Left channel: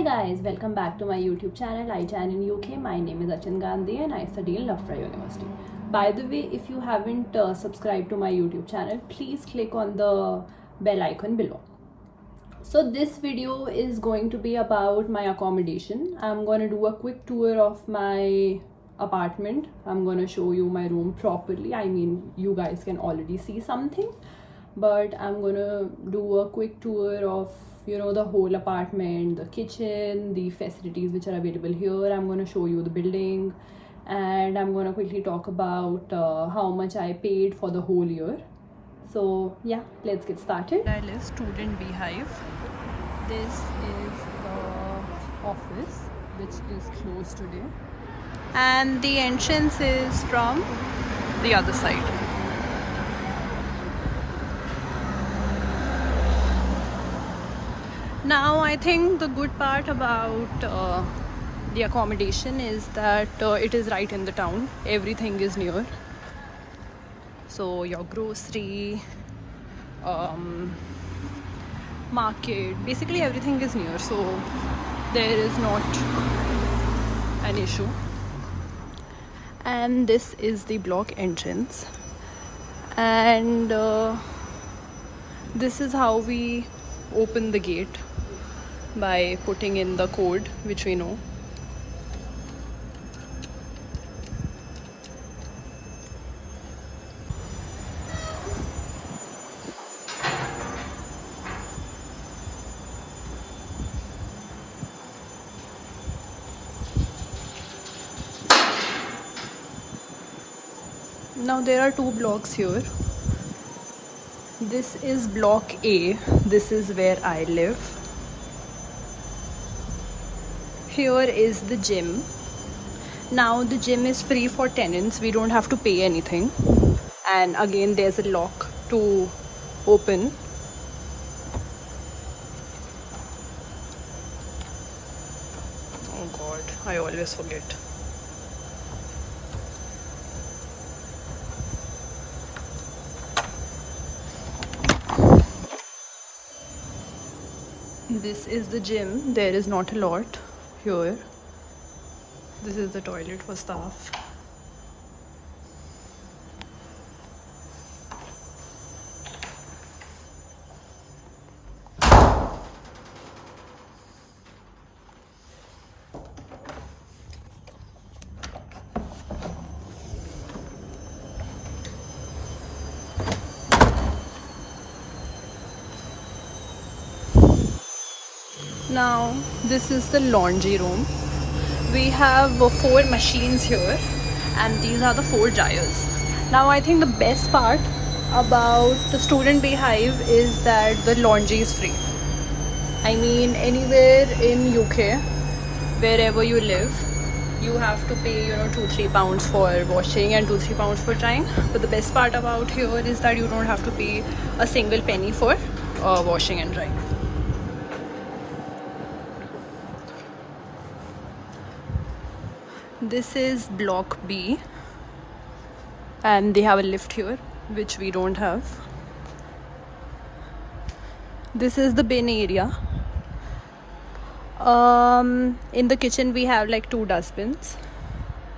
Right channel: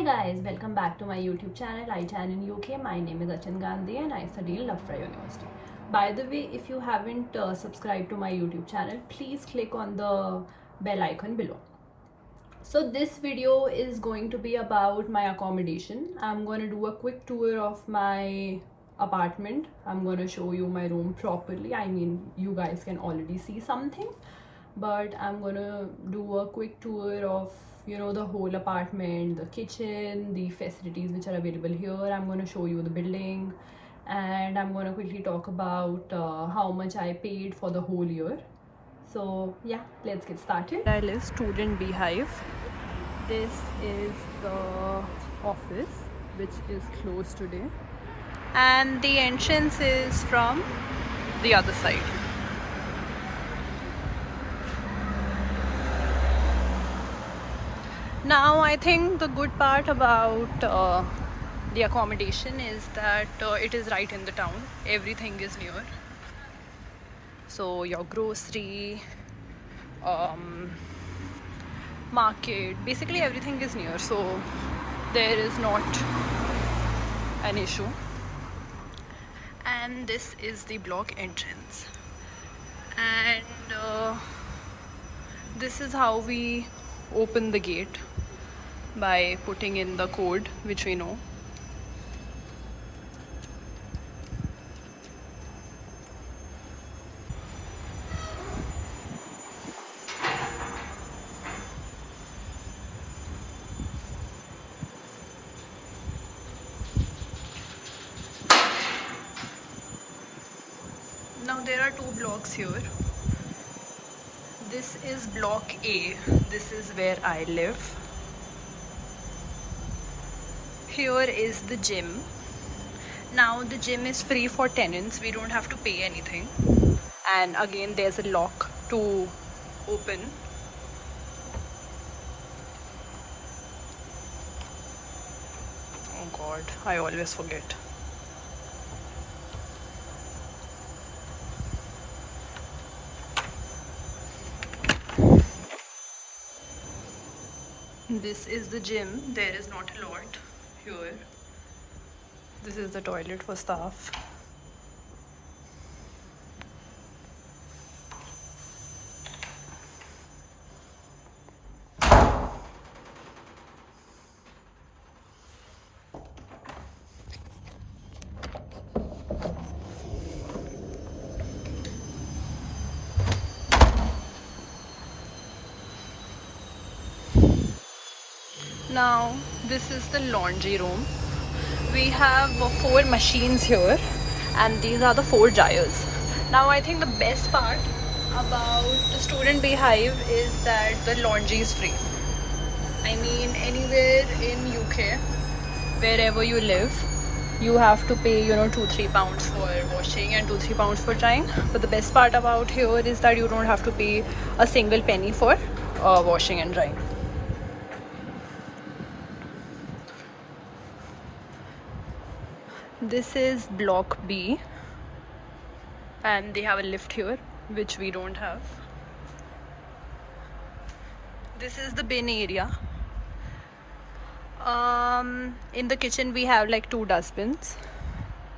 Hi guys, welcome back to my YouTube channel. I chan in UK. My name is Achan Gandhi and I study in Loughborough University. By the way, if you haven't subscribed to my YouTube channel, please click on the bell icon below. So this video is going to be about my accommodation. I'm going to do a quick tour of my apartment. I'm going to show you my room properly. I mean, you guys can already see something, but I'm going to do a quick tour of the whole apartment, the kitchen, the facilities which are available here. I'm going to show you the building, and I'm going to quickly talk about how much I paid for the whole year. So yeah, let's get started. I live student beehive. This is the office which is closed today, and the entrance is from the other side. Now I think the good part about the accommodation is that it is right in the town. Everything is near. So your grocery, market, basically everything is near. So there is not an issue. And this is the block entrance. And this is how we open the gate, by putting in the code which we know. Now there are two blocks here. This is block A. This is where I live. Here is the gym. Now the gym is free for tenants. We don't have to pay anything. And again, there's a lock to open. Oh God, I always forget. This is the gym. There is not a lot here. This is the toilet for staff. Now this is the laundry room. We have 4 machines here, and these are the 4 dryers. Now I think the best part about the student beehive is that the laundry is free. I mean, anywhere in UK, wherever you live, you have to pay 2-3 pounds for washing and 2-3 pounds for drying. But the best part about here is that you don't have to pay a single penny for washing and drying. This is block B, and they have a lift here, which we don't have. This is the bin area. In the kitchen we have like 2 dustbins.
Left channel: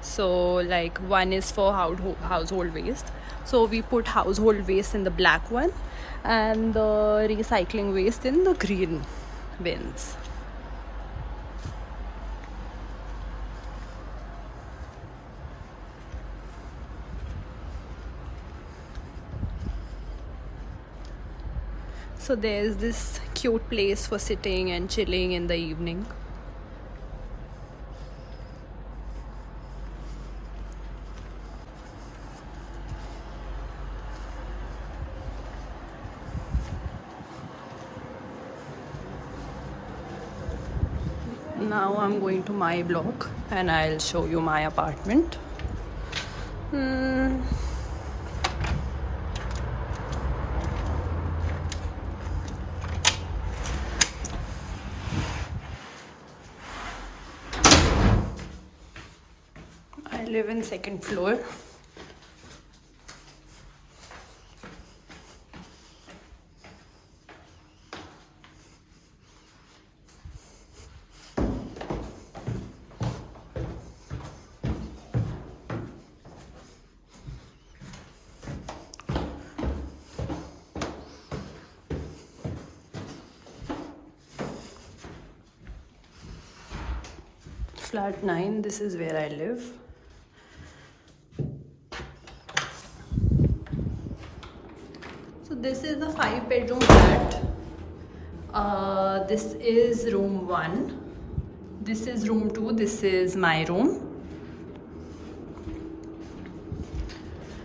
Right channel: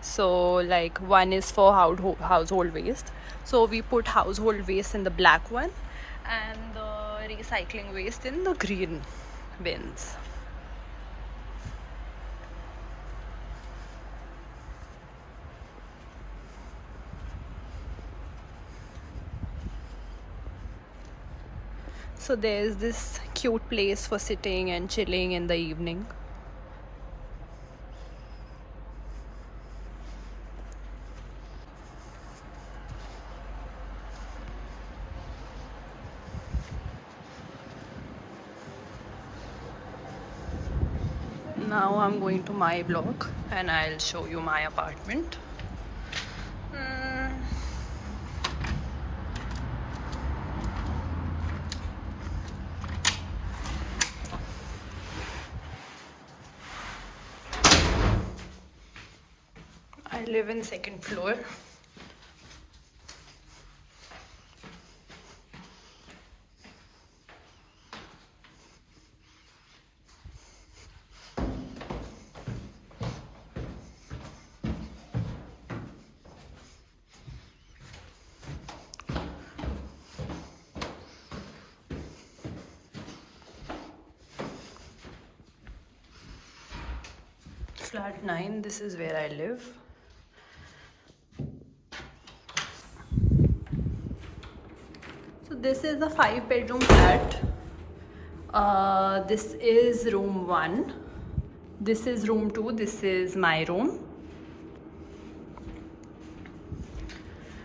So like one is for household waste. So we put household waste in the black one and the recycling waste in the green bins. So there's this cute place for sitting and chilling in the evening. Now I'm going to my block and I'll show you my apartment. I live in 2nd floor. Flat 9, this is where I live. So this is a 5-bedroom flat. This is room 1. This is room 2. This is my room.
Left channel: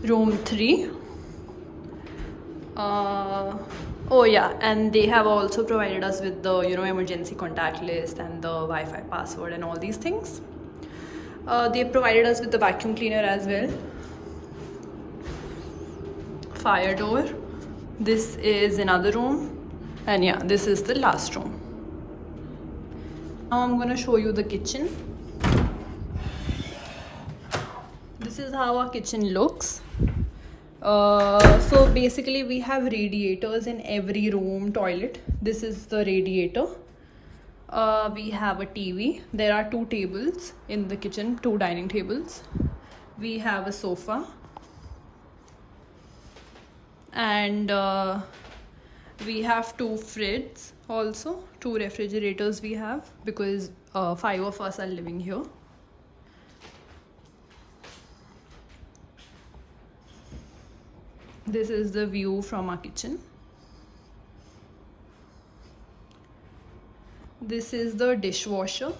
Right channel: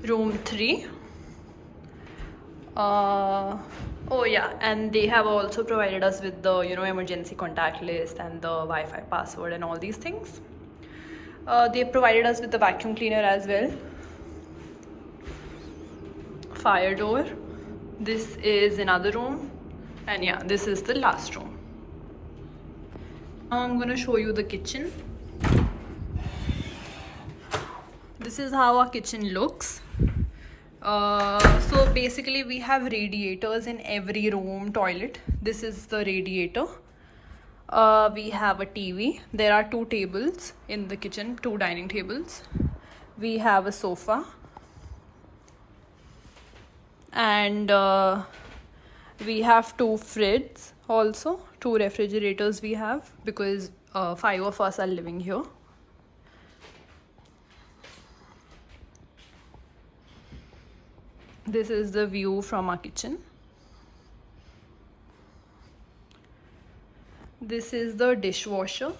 Room 3. Oh yeah, and they have also provided us with the emergency contact list and the Wi-Fi password and all these things. They provided us with the vacuum cleaner as well. Fire door. This is another room, and yeah, this is the last room. Now I'm gonna show you the kitchen. This is how our kitchen looks. So basically we have radiators in every room toilet. This is the radiator. We have a TV. There are 2 tables in the kitchen, 2 dining tables. We have a sofa. And we have 2 fridges also, 2 refrigerators we have, because 5 of us are living here. This is the view from our kitchen. This is the dishwasher.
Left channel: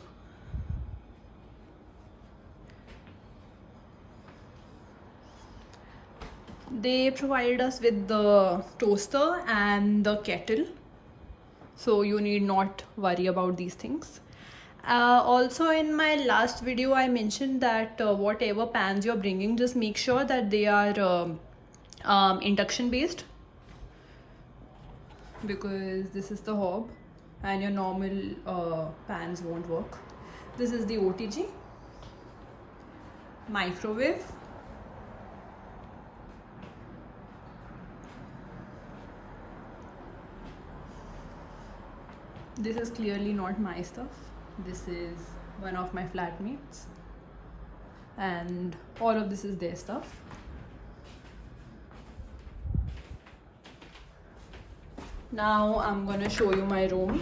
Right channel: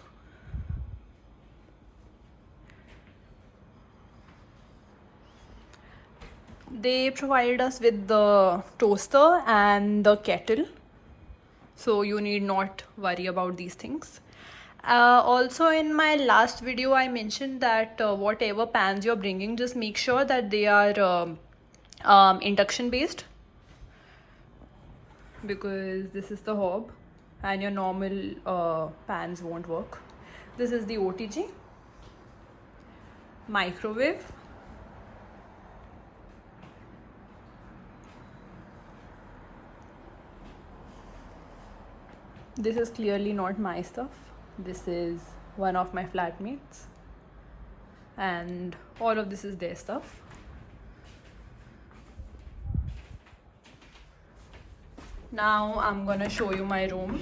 They provided us with the toaster and the kettle, so you need not worry about these things. Also, in my last video I mentioned that whatever pans you're bringing, just make sure that they are induction based, because this is the hob and your normal pans won't work. This is the OTG. Microwave. This is clearly not my stuff. This is one of my flatmates, and all of this is their stuff. Now I'm gonna show you my room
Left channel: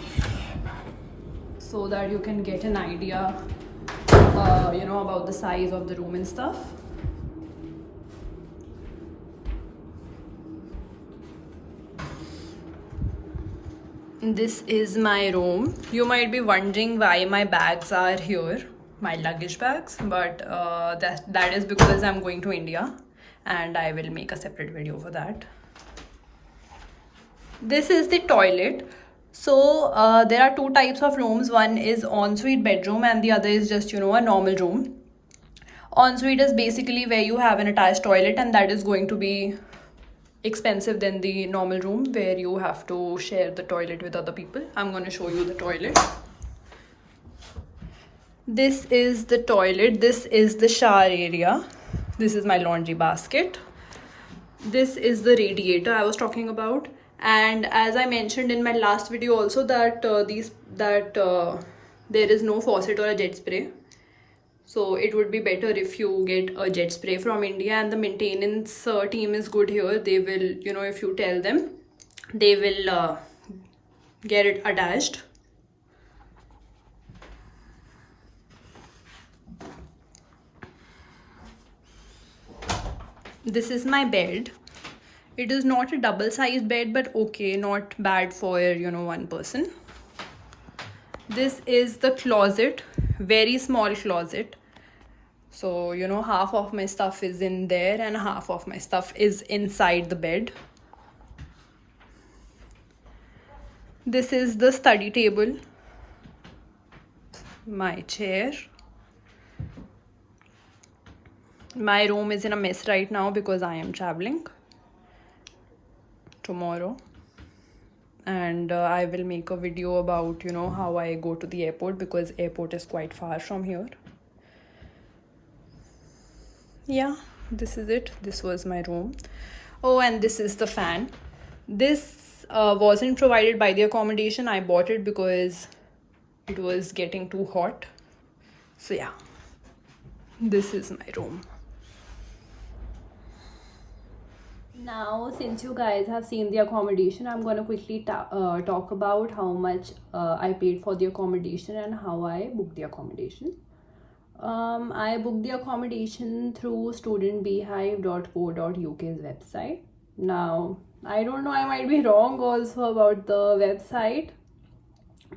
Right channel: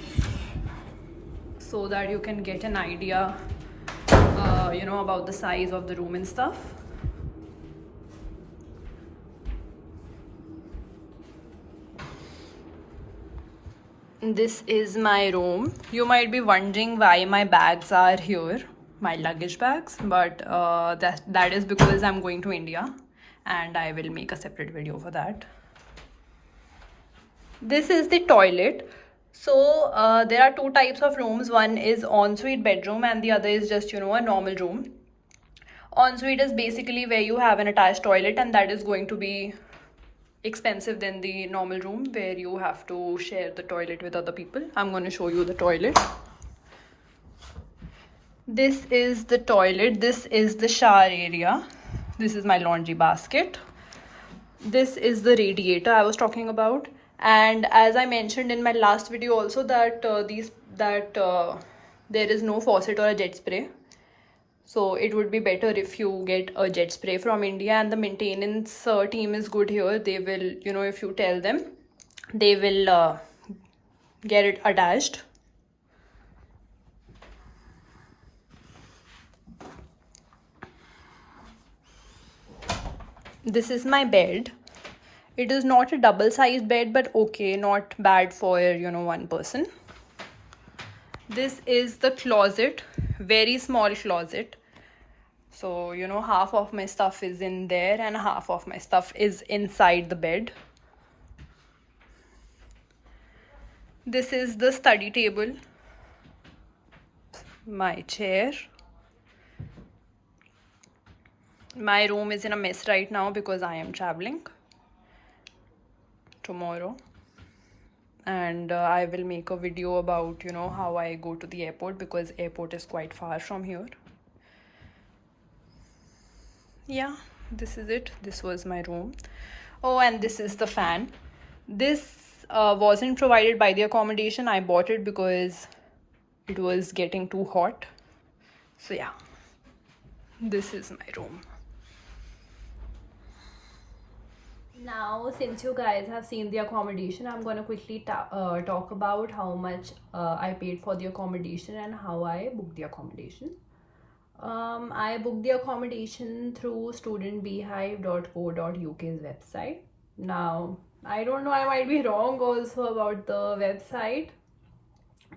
so that you can get an idea about the size of the room and stuff. This is my room. You might be wondering why my bags are here, my luggage bags, but that is because I'm going to India, and I will make a separate video for that. This is the toilet. So there are 2 types of rooms. One is ensuite bedroom and the other is just a normal room. Ensuite is basically where you have an attached toilet, and that is going to be expensive than the normal room where you have to share the toilet with other people. I'm going to show you the toilet. This is the toilet. This is the shower area. This is my laundry basket. This is the radiator I was talking about. And as I mentioned in my last video also, that there is no faucet or a jet spray. So it would be better if you get a jet spray from India, and the maintenance team is good here. They will, if you tell them, they will get it attached. This is my bed. It is not a double-sized bed, but okay, not bad for, one person. This is the closet, very small closet. So, half of my stuff is in there and half of my stuff is inside the bed. This is the study table, my chair. My room is in a mess right now because I am traveling tomorrow, and I will make a video about how I go to the airport, because airport is quite far from here. Yeah, this is it. This was my room. Oh, and this is the fan. This wasn't provided by the accommodation. I bought it because it was getting too hot. So yeah, this is my room. Now, since you guys have seen the accommodation, I'm going to quickly talk about how much I paid for the accommodation and how I booked the accommodation. I booked the accommodation through studentbeehive.co.uk's website. Now, I don't know, I might be wrong also about the website,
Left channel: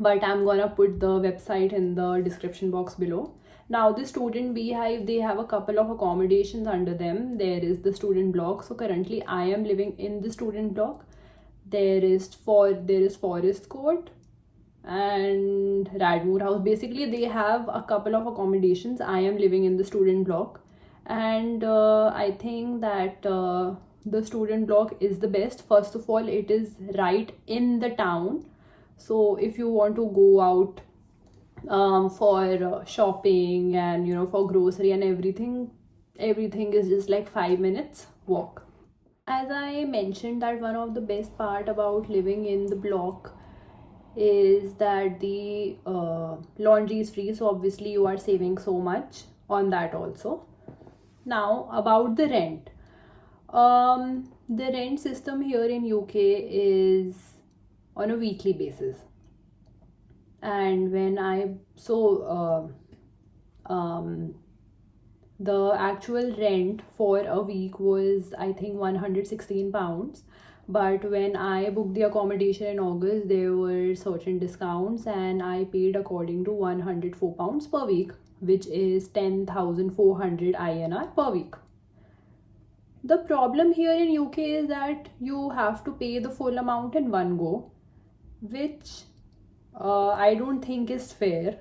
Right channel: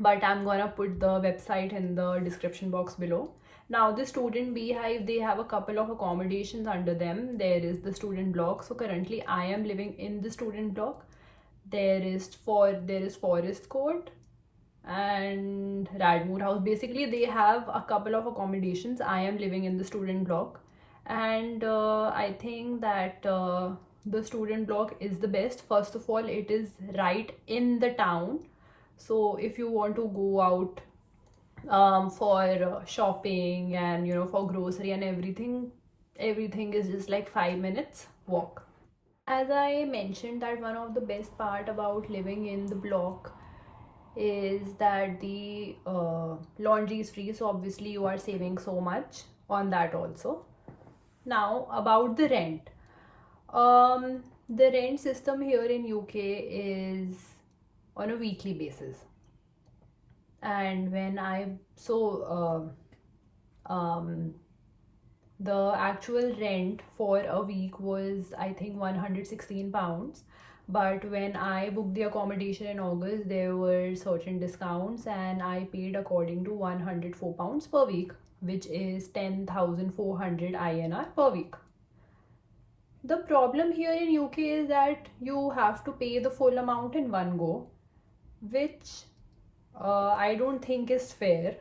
but I'm gonna put the website in the description box below. Now, the student beehive, they have a couple of accommodations under them. There is the student block. So currently I am living in the student block. There is Forest Court and Radmoor House. Basically, they have a couple of accommodations. I am living in the student block, and I think that the student block is the best. First of all, it is right in the town. So if you want to go out for shopping and for grocery and everything is just like 5 minutes walk. As I mentioned, that one of the best part about living in the block is that the laundry is free, so obviously you are saving so much on that also. Now about the rent. The rent system here in UK is on a weekly basis, and when I the actual rent for a week was, I think, £116, but when I booked the accommodation in August, there were certain discounts and I paid according to £104 per week, which is 10,400 INR per week. The problem here in UK is that you have to pay the full amount in one go, which I don't think is fair,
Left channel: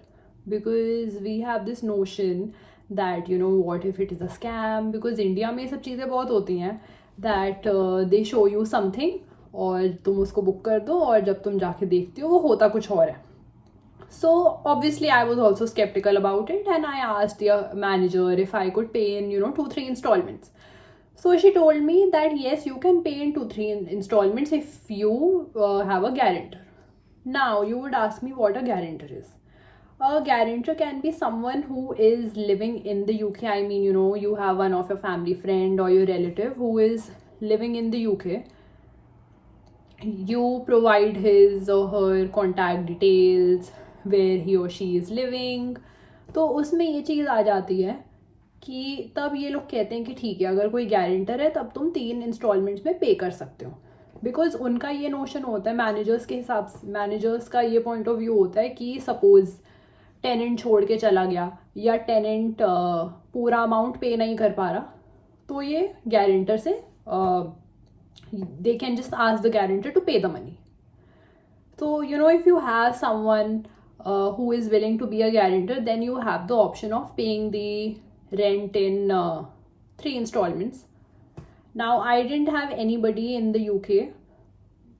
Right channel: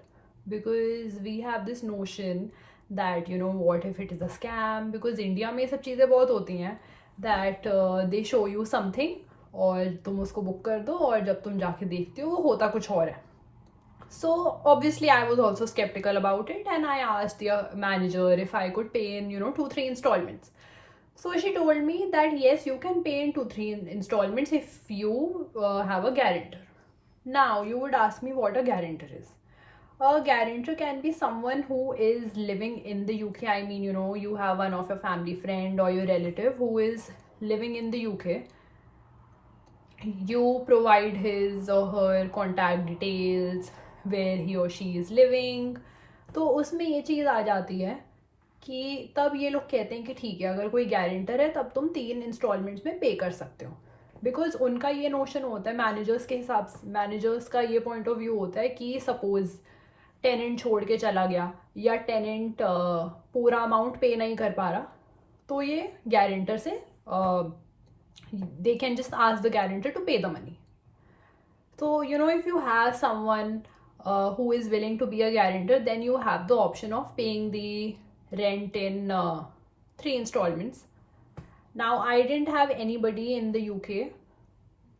because we have this notion that what if it is a scam, because India में सब चीज़ें बहुत होती हैं that they show you something और तुम उसको book कर दो और जब तुम जाके देखते हो वो होता कुछ और है. So obviously I was also skeptical about it, and I asked the manager if I could pay in 2-3 installments. So she told me that yes, you can pay in 2-3 installments if you have a guarantor. Now you would ask me what a guarantor is. A guarantor can be someone who is living in the UK. I mean, you have one of your family friend or your relative who is living in the UK. You provide his or her contact details, where he or she is living. तो उसमें ये चीज़ आ जाती है कि तब ये लोग कहते हैं कि ठीक है, अगर कोई गारंटर है तब तुम 3 इंस्टॉलमेंट्स में पे कर सकते हो. बिकॉज उनका ये नोशन होता है, मैनेजर्स के हिसाब से, मैनेजर्स का ये पॉइंट ऑफ व्यू होता है कि सपोज टेनेंट छोड़ के चला गया या टेनेंट पूरा अमाउंट पे नहीं कर पा रहा, तो ये गारंटर से they can just ask the guarantor to pay the money. So if you have someone who is willing to be a guarantor, then you have the option of paying the rent in 3 installments. Now I didn't have anybody in the UK,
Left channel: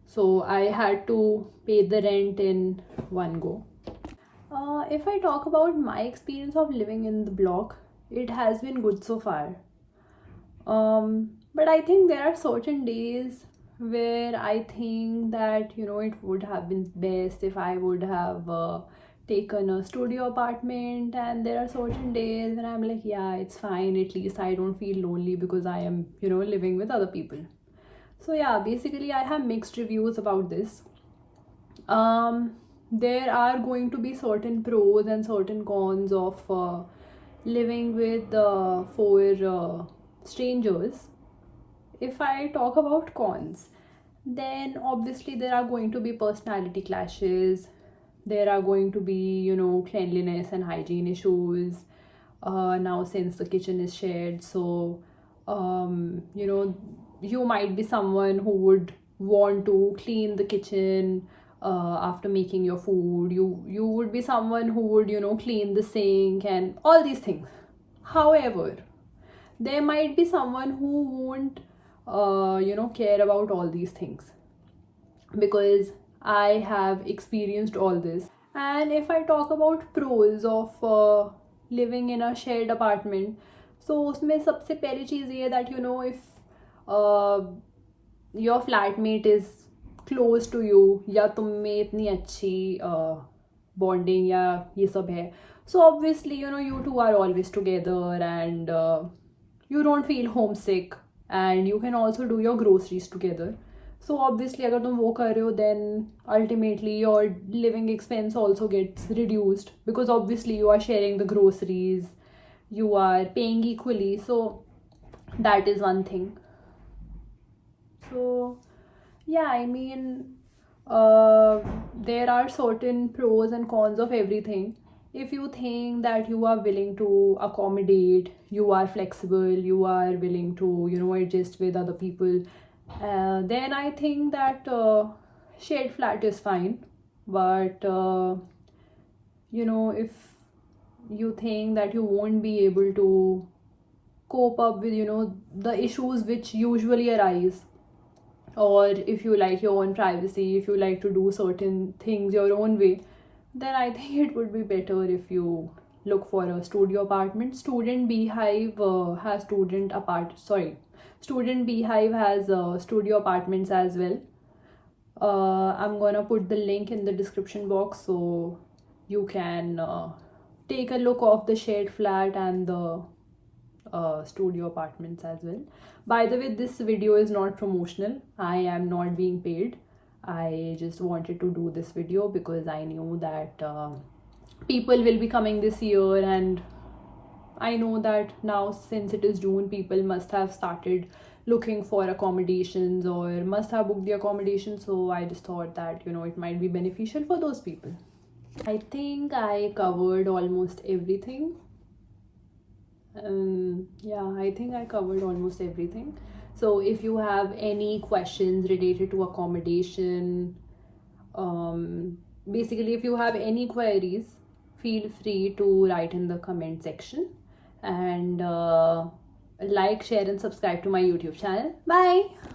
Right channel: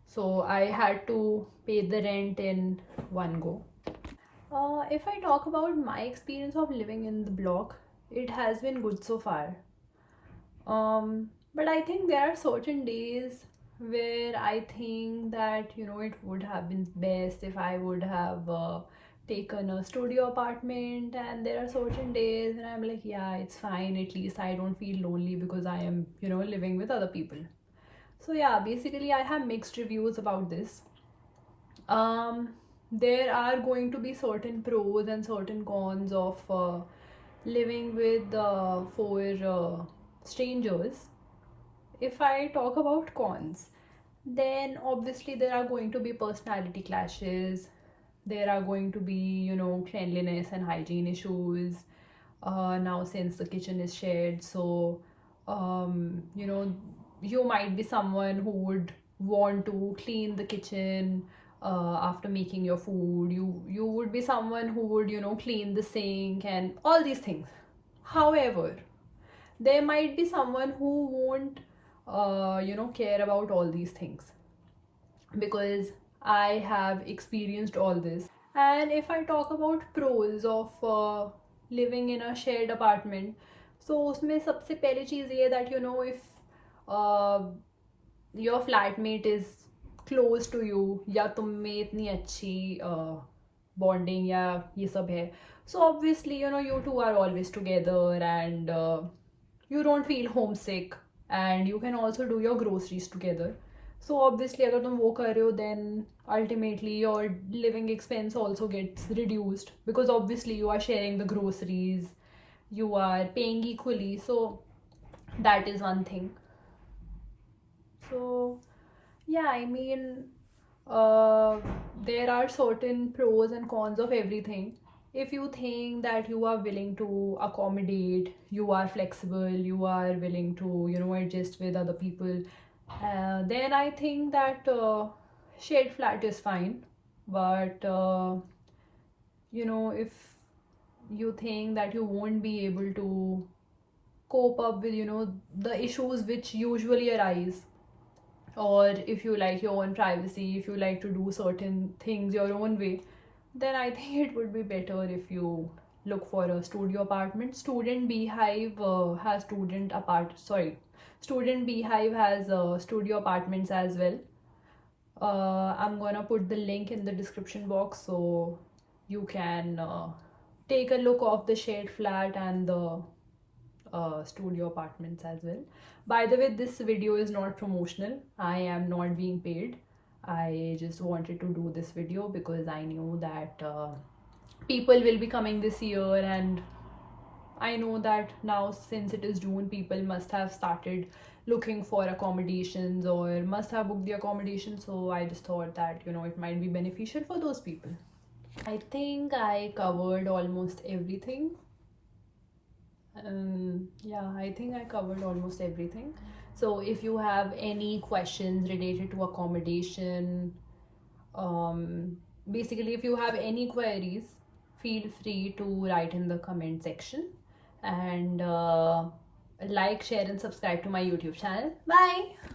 so I had to pay the rent in one go. If I talk about my experience of living in the block, it has been good so far. But I think there are certain days where I think that it would have been best if I would have taken a studio apartment, and there are certain days when I'm like, yeah, it's fine, at least I don't feel lonely because I am living with other people. So yeah, basically I have mixed reviews about this. There are going to be certain pros and certain cons of living with 4 strangers. If I talk about cons, then obviously there are going to be personality clashes. There are going to be cleanliness and hygiene issues. Now since the kitchen is shared, so you might be someone who would want to clean the kitchen after making your food. You would be someone who would clean the sink and all these things. However, there might be someone who won't care about all these things, because I have experienced all this. And if I talk about pros of living in a shared apartment, so उसमें सबसे पहली चीज़ ये that if your flatmate is close to you, या तुम में इतनी अच्छी bonding या ये सब है, so obviously you two are always together, and you don't feel homesick, and you can also do your groceries together. So obviously अगर तुम वो कर रहे हो, then ultimately your living expense also gets reduced, because obviously you are sharing the groceries you are paying equally. So that is one thing. So yeah, I mean, there are certain pros and cons of everything. If you think that you are willing to accommodate, you are flexible, you are willing to, adjust with other people, then I think that shared flat is fine. But if you think that you won't be able to cope up with, the issues which usually arise, or if you like your own privacy, if you like to do certain things your own way, then I think it would be better if you look for a studio apartment. Student Beehive has studio apartments as well. I'm gonna put the link in the description box so you can take a look of the shared flat and the studio apartments as well. By the way, this video is not promotional. I am not being paid. I just wanted to do this video because I knew that people will be coming this year, and I know that now, since it is June, people must have started looking for accommodations or must have booked the accommodation. So I just thought that it might be beneficial for those people. I think I covered almost everything. Yeah, I think I covered almost everything. So if you have any questions related to accommodation, basically if you have any queries, feel free to write in the comment section, and like, share and subscribe to my YouTube channel. Bye.